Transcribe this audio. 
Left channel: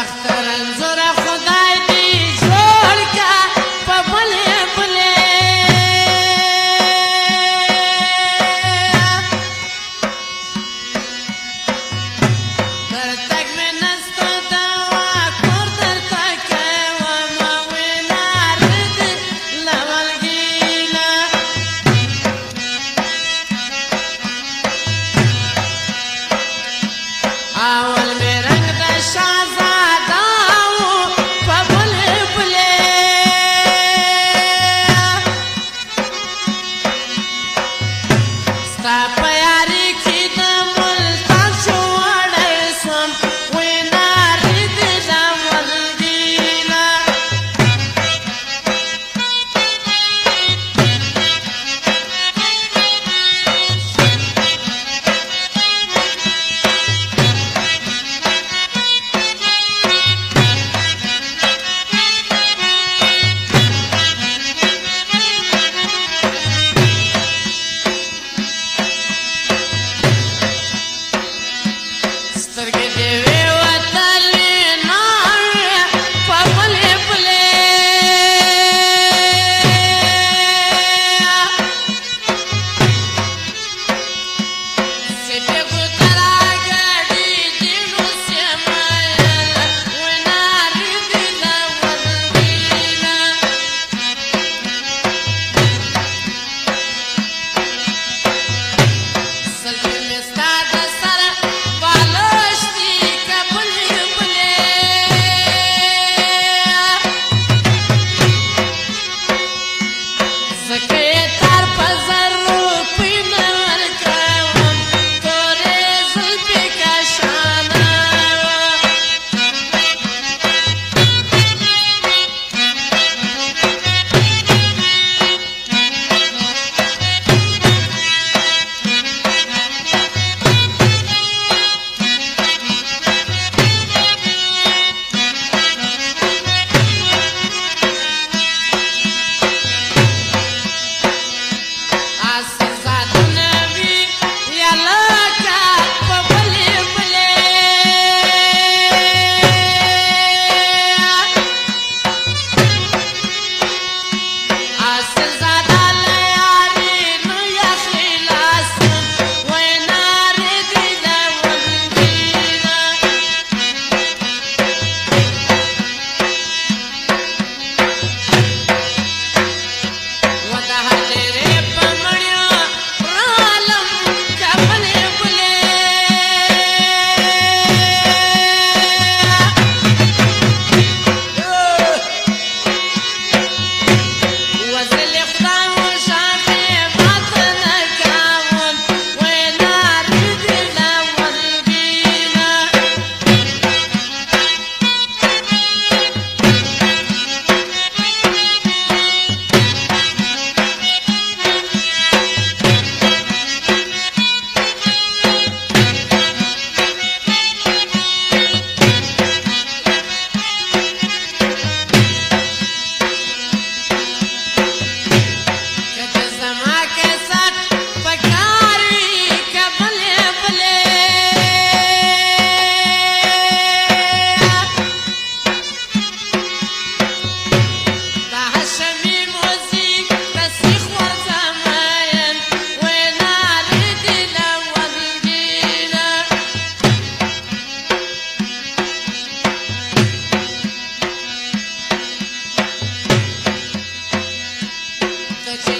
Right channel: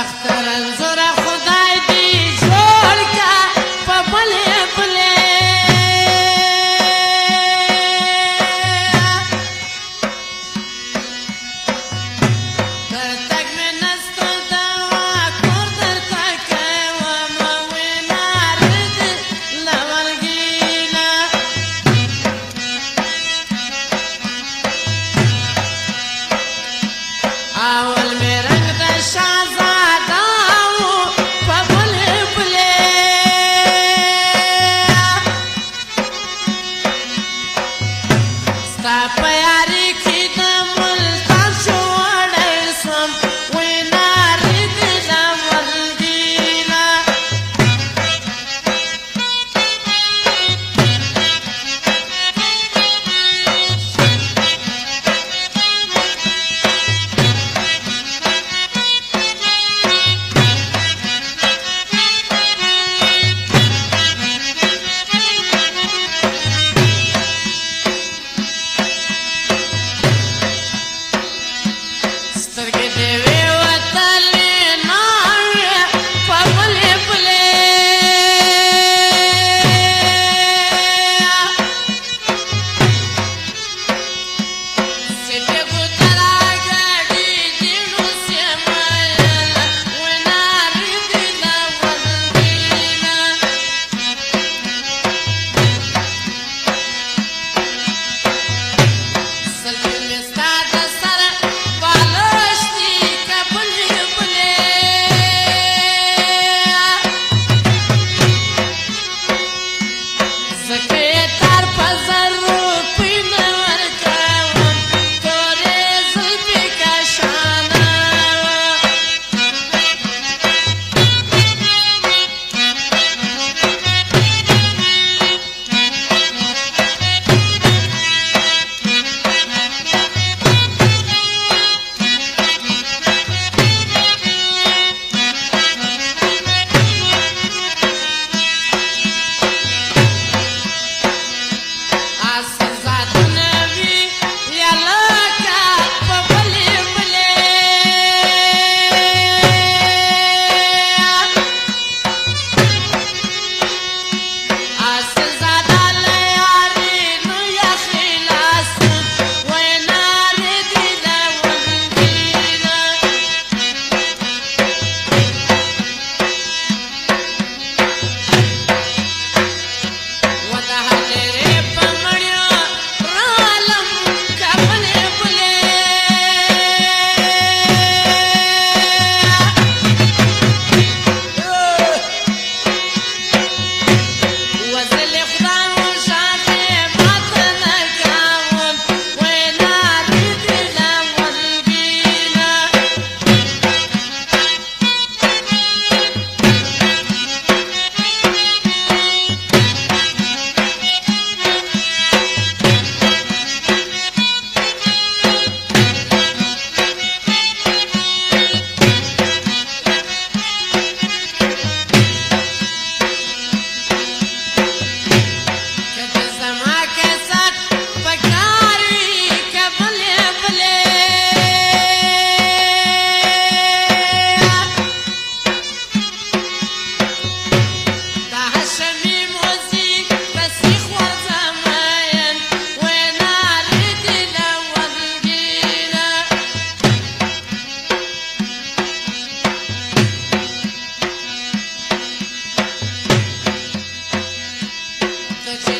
اختر انظر خدای دی جوړ کا په بلې بلې تک مې نسته دوا کور درته کوم وینار دې لورګینا اول مې رنګ د شهزاده وو په بلې بلې ستا په یاري کې د ملتان شو وړی سم وینارې دې لورګینا سترګې دې وې وتلې ناوې په بلې بلې سټې ګوترا ګډې دې نو سمایل وینارې دې لورګینا سلګې مې ستا د سره بالوش دي که بلې بلې زکه یې تار په زر روپۍ نه ورکوم تورې زلفې کشانه آسزادونه وي یا لکه په بلې بلې آسزاده له یارې نه یخې لاس وینارې دې لورګینا وتهلې وې په مړیو رالم که بلې بلې وزلې خدای وساتې ماته نه کوم وینارې دې لورګینا که ته زما کیسات پکار وي که بلې بلې د حشمي موزیک تصریح ورزمین وینارې دې لورګینا ته چې